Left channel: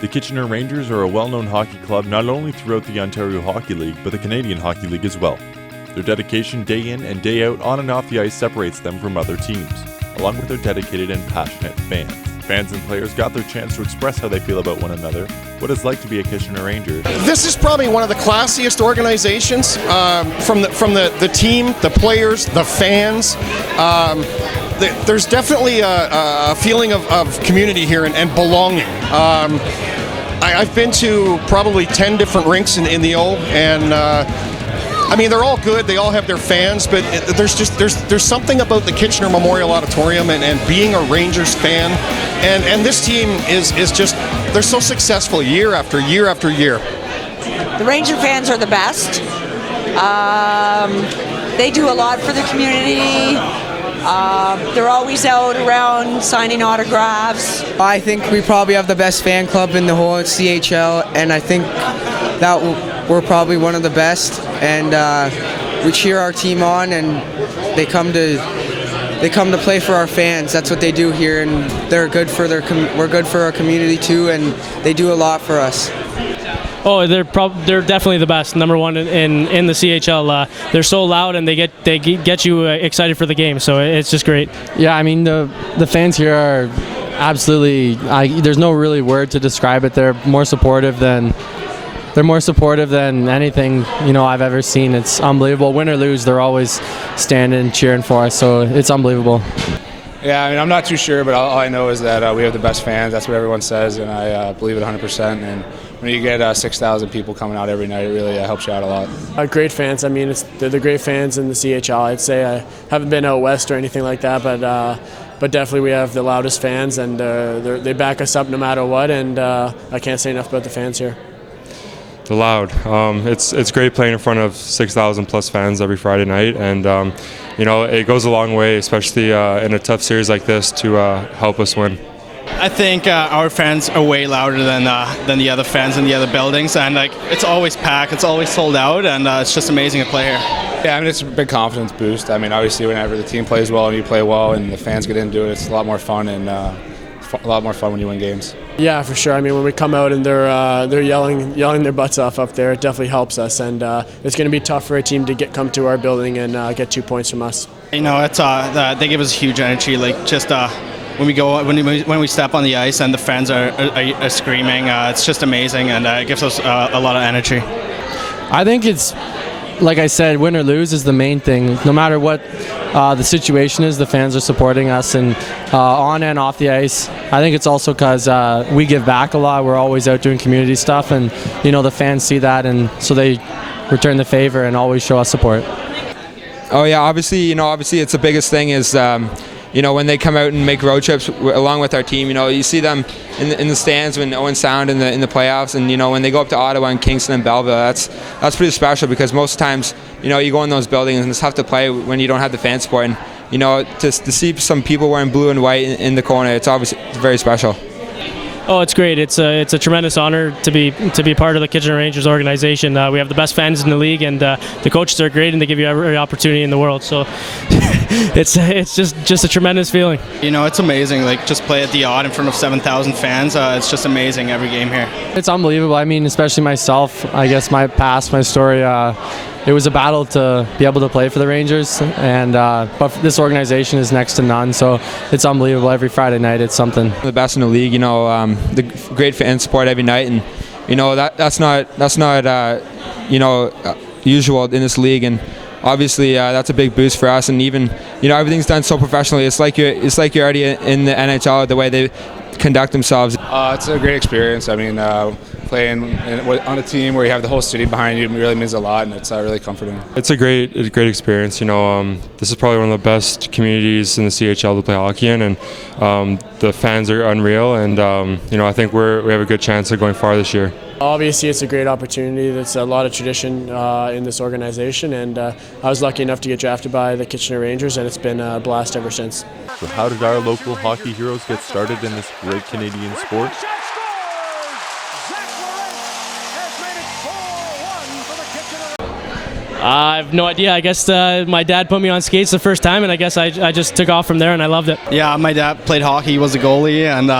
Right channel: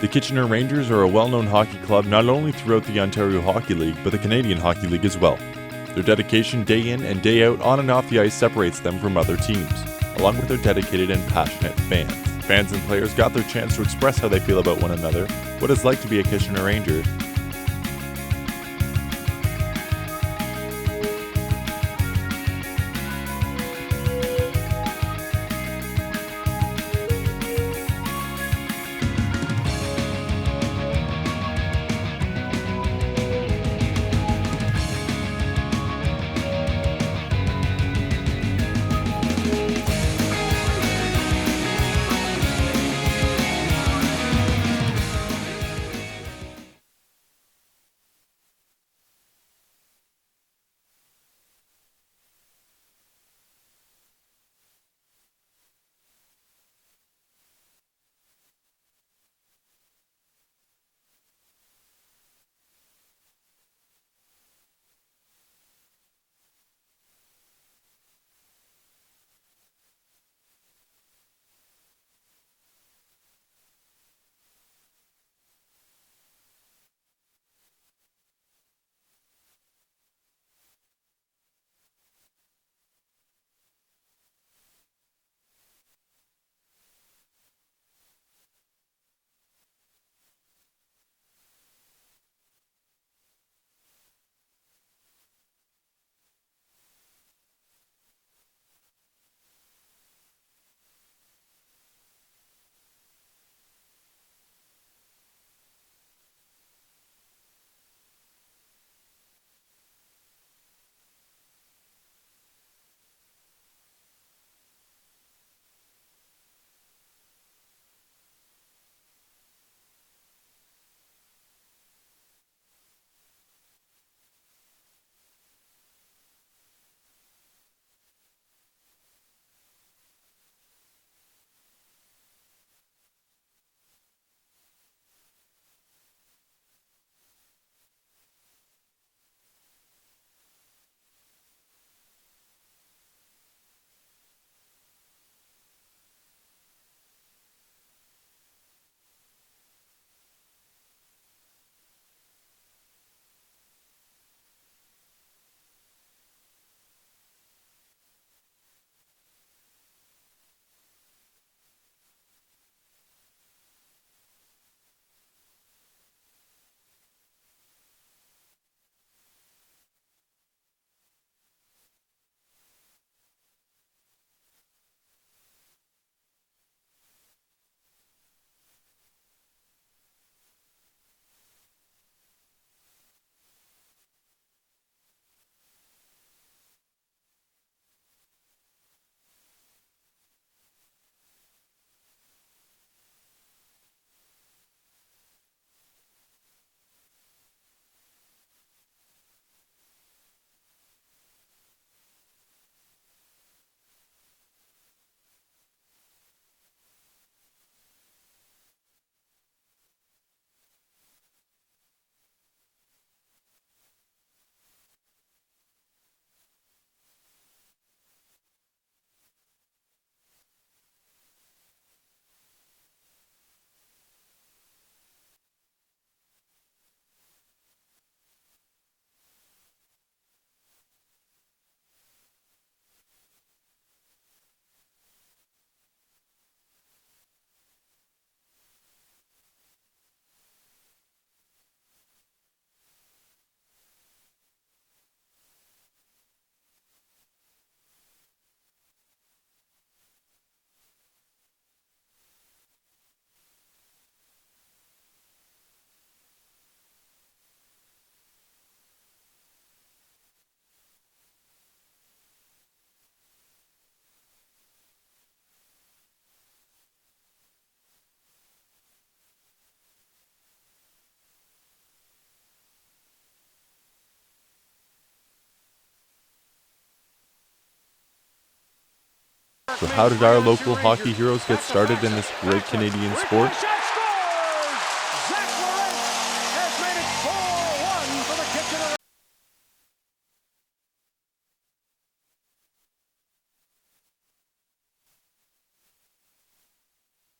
The Kitchener Rangers are a well-known hockey club not only throughout the Ontario Hockey League, but the Canadian Hockey League as well. Their dedication day in and day out on and off the ice separates them from other teams, along with their dedicated and passionate fans. Fans and players got their chance to express how they feel about one another, what it's like to be a Kitchener Ranger. This is probably one of the classiest organizations from the team, the players, the fans. There's definitely a feeling of community here and belonging. I've been to probably 10 different rinks in the O, and I mean, they're all good. They all have their fans, but there's something about the Kitchener Memorial Auditorium and being a Rangers fan. And this team is just, they're so successful year after year after year. The Ranger fans are the best. They do a lot for the community. They're always out around signing autographs. I think we probably have the best fan club in the whole CHL, and I think that we're probably one of the best. And we cheer our team on, and they come to play for our fans. That's what they do here, and they're good for we're good for our community too, and they do a lot for us. Oh, they're definitely the best. Number one in the CHL. They're so loud, and they get you excited for the game. So it's just great. Yeah, I mean the fans here are absolutely. There's no really word to describe it. They're more supportive than anything I've ever seen. It's unbelievable. Win or lose, they're always standing, cheering for us. So it's unbelievable. Yeah, I mean, I'm not too sure, but all I know is that we have the best fans. That's what everyone says, and I believe it 100%. And when you get 6,000 people coming out every night, it really helps you out a lot. Great fans. I mean, they're the great fans in the CHL. I'd say I haven't been out west or anything like that, but definitely we have the loudest fans, and they back us up no matter what. And I can't say enough about the fans here. They're loud. It's great playing in front of 6,000 plus fans every Friday night, and it goes a long way, especially in a tough series like this, to help us win. I think our fans are way louder than the other fans in the other buildings, and it's always packed, it's always sold out, and it's just amazing to play here. Yeah, I mean, it's a big confidence boost. I mean, obviously whenever the team plays well and you play well and the fans get into it, it's a lot more fun, and a lot more fun when you win games. Yeah, for sure. I mean, when we come out and they're yelling their butts off up there, it definitely helps us. And it's going to be tough for a team to come to our building and get 2 points from us. It's they give us huge energy. When we step on the ice and the fans are screaming, it's just amazing, and it gives us a lot of energy. I think it's, like I said, win or lose is the main thing. No matter what the situation is, the fans are supporting us, and on and off the ice. I think it's also because we give back a lot. We're always out doing community stuff, and the fans see that, and so they return the favor and always show us support. Oh yeah, obviously it's the biggest thing is when they come out and make road trips along with our team. You see them in the stands when Owen Sound in the playoffs, and when they go up to Ottawa and Kingston and Belleville, that's pretty special, because most times you go in those buildings and it's tough to play when you don't have the fan support. And to see some people wearing blue and white in the corner, it's very special. Oh, it's great. It's a tremendous honor to be part of the Kitchener Rangers organization. We have the best fans in the league, and the coaches are great, and they give you every opportunity in the world. So it's just a tremendous feeling. It's amazing. Just play at the Odd in front of 7,000 fans. It's just amazing every game here. It's unbelievable. I mean, especially myself. I guess my story. It was a battle to be able to play for the Rangers, and but this organization is next to none, so it's unbelievable. Every Friday night, it's something. The best in the league, the great fan support every night, and that's not usual in this league, and obviously that's a big boost for us. And even everything's done so professionally. It's like you're already in the NHL, the way they conduct themselves. It's a great experience. I mean, playing on a team where you have the whole city behind you really means a lot, and it's really comforting. It's a great experience. This is probably one of the best communities in the CHL to play hockey in, and the fans are unreal, and I think we have a good chance of going far this year. Obviously, it's a great opportunity. There's a lot of tradition in this organization, and I was lucky enough to get drafted by the Kitchener Rangers, and it's been a blast ever since. So how did our local hockey heroes get started in this great Canadian sport? I have no idea. I guess my dad put me on skates the first time, and I guess I just took off from there, and I loved it. Yeah, my dad played hockey. He was a goalie, and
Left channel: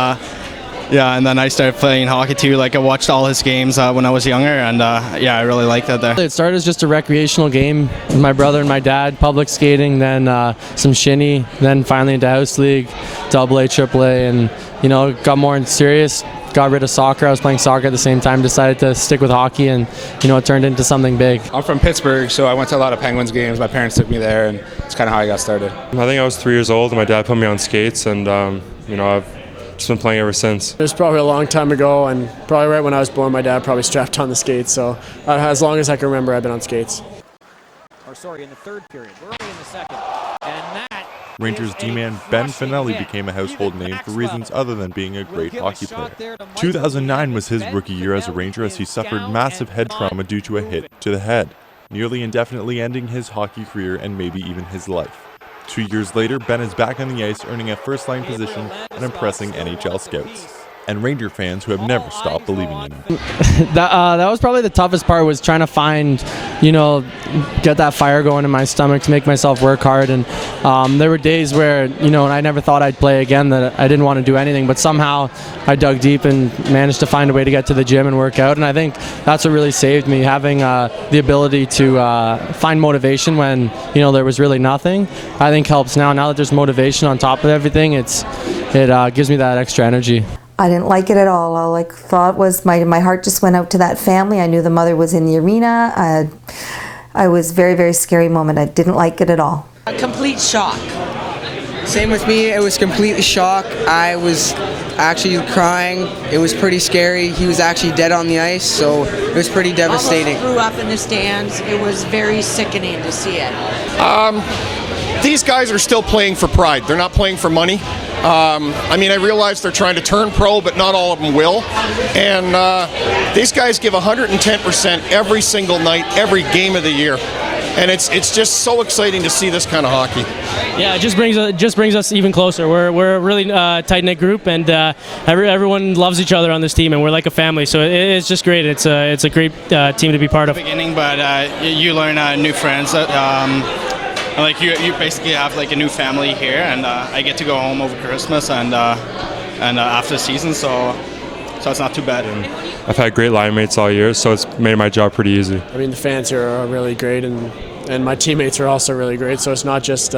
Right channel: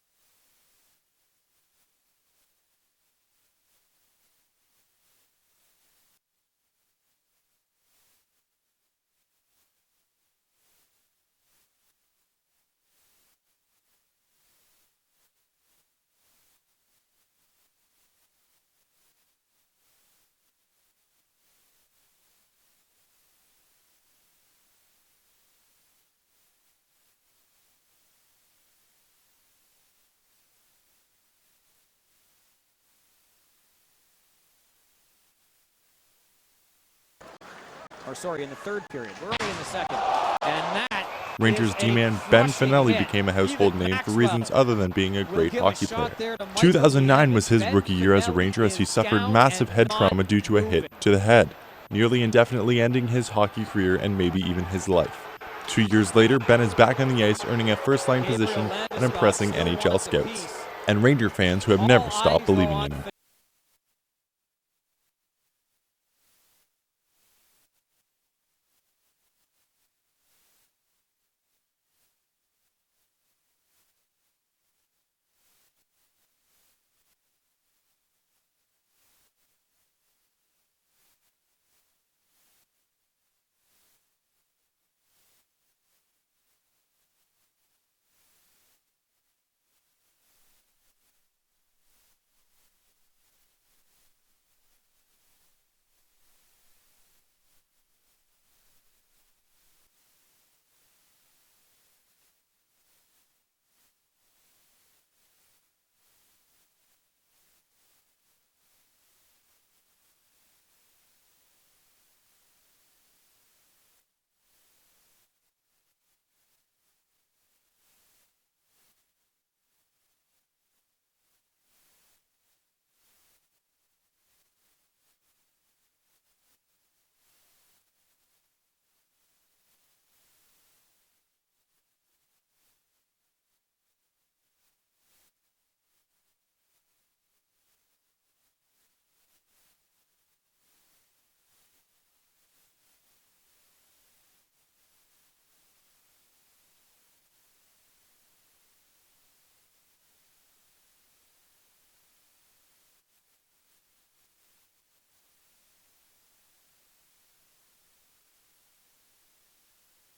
yeah, and then I started playing hockey too. Like I watched all his games when I was younger, and yeah, I really liked it there. It started as just a recreational game with my brother and my dad, public skating, then some shinny, then finally into house league, AA, AAA, and got more serious. Got rid of soccer. I was playing soccer at the same time, decided to stick with hockey, and it turned into something big. I'm from Pittsburgh, so I went to a lot of Penguins games. My parents took me there, and it's kind of how I got started. I think I was 3 years old, and my dad put me on skates, and I've just been playing ever since. It was probably a long time ago, and probably right when I was born, my dad probably strapped on the skates. So as long as I can remember, I've been on skates. In the third period. We're only in the second. And that Rangers D-man Ben Finelli became a household name for reasons other than being a great hockey player. 2009 was his rookie year as a Ranger as he suffered massive head trauma due to a hit to the head, nearly indefinitely ending his hockey career and maybe even his life. 2 years later, Ben is back on the ice earning a first-line position and impressing NHL scouts and Ranger fans who have never stopped believing in him. That was probably the toughest part, was trying to find, get that fire going in my stomach to make myself work hard. And there were days where, I never thought I'd play again, that I didn't want to do anything, but somehow I dug deep and managed to find a way to get to the gym and work out. And I think that's what really saved me, having the ability to find motivation when, there was really nothing, I think helps now. Now that there's motivation on top of everything, it gives me that extra energy. I didn't like it at all. All I thought was my heart just went out to that family. I knew the mother was in the arena. I was very, very scary moment. I didn't like it at all. A complete shock. Same with me. It was completely shock. I was actually crying. It was pretty scary. He was actually dead on the ice, so it was pretty devastating. Almost threw up in the stands. It was very sickening to see it. These guys are still playing for pride. They're not playing for money. I realize they're trying to turn pro, but not all of them will. And these guys give 110% every single night, every game of the year. And it's just so exciting to see this kind of hockey. Yeah, it just brings us even closer. We're a really tight-knit group, and everyone loves each other on this team, and we're like a family. So it's just great. It's a great team to be part of. Beginning, but you learn new friends. Like you basically have like a new family here, and I get to go home over Christmas and after the season, so it's not too bad. And I've had great line mates all year, so it's made my job pretty easy. The fans here are really great, and my teammates are also really great. So it's not just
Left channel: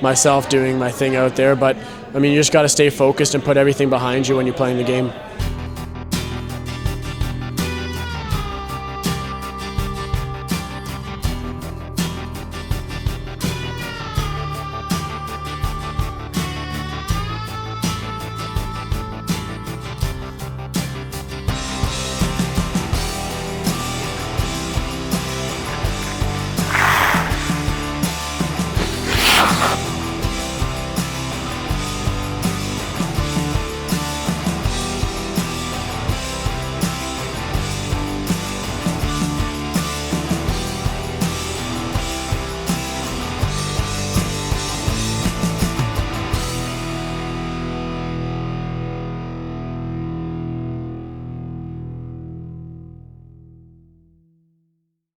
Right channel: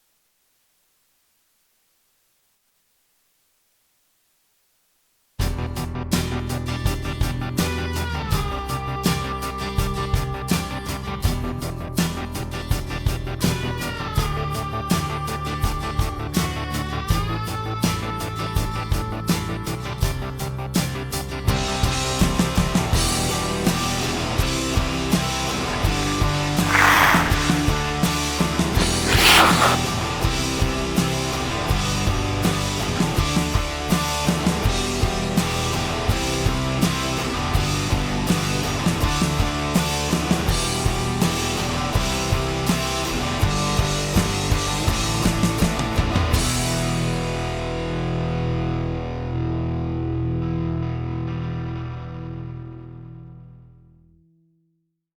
myself doing my thing out there, but you just got to stay focused and put everything behind you when you're playing the game.